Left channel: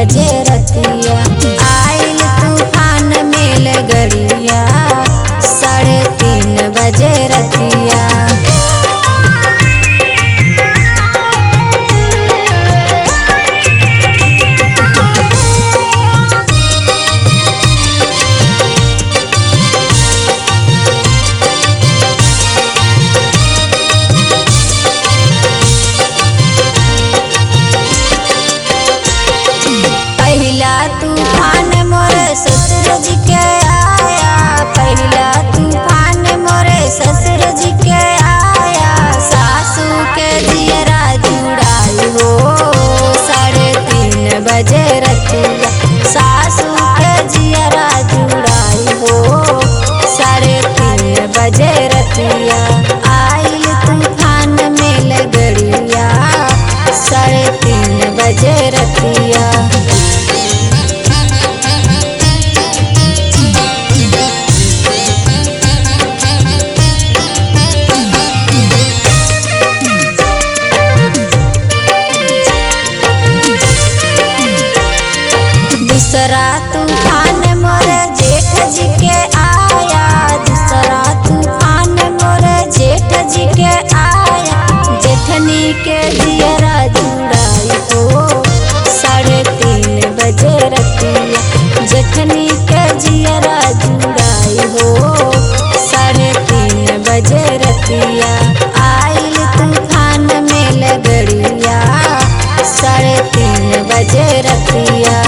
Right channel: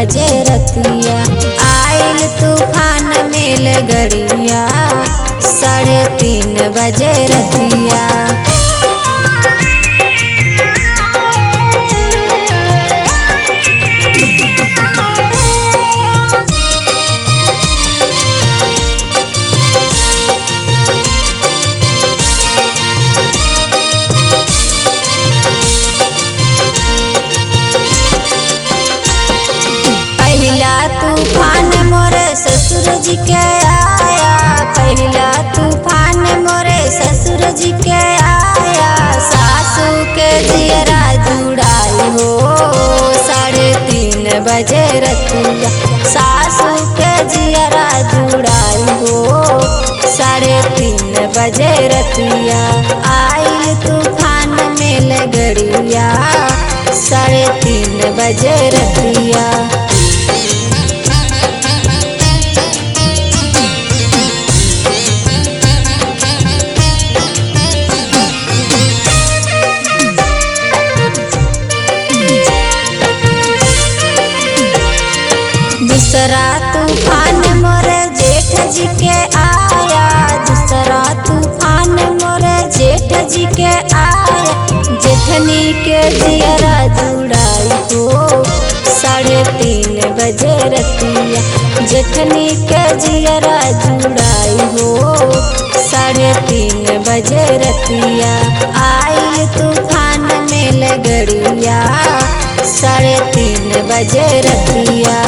बजे रतिया। आइल तूफान मेल गड़िया 3:30 बजे रतिया। पहला तूफान मोरे ससुर जी के आया, पहला तूफान मोरे ससुर जी के आया। सासू के जियरा जुड़ाई हो 3:30 बजे रतिया। सासू के जियरा जुड़ाई हो 3:30 बजे रतिया। आइल तूफान मेल गड़िया 3:30 बजे रतिया। दूसरा तूफान मोरे जेठ जी के आया, दूसरा तूफान मोरे जेठ जी के आया। जेठनी के जियरा जुड़ाई हो 3:30 बजे रतिया। जेठनी के जियरा जुड़ाई हो 3:30 बजे रतिया। आइल तूफान मेल गड़िया 3:30 बजे रतिया।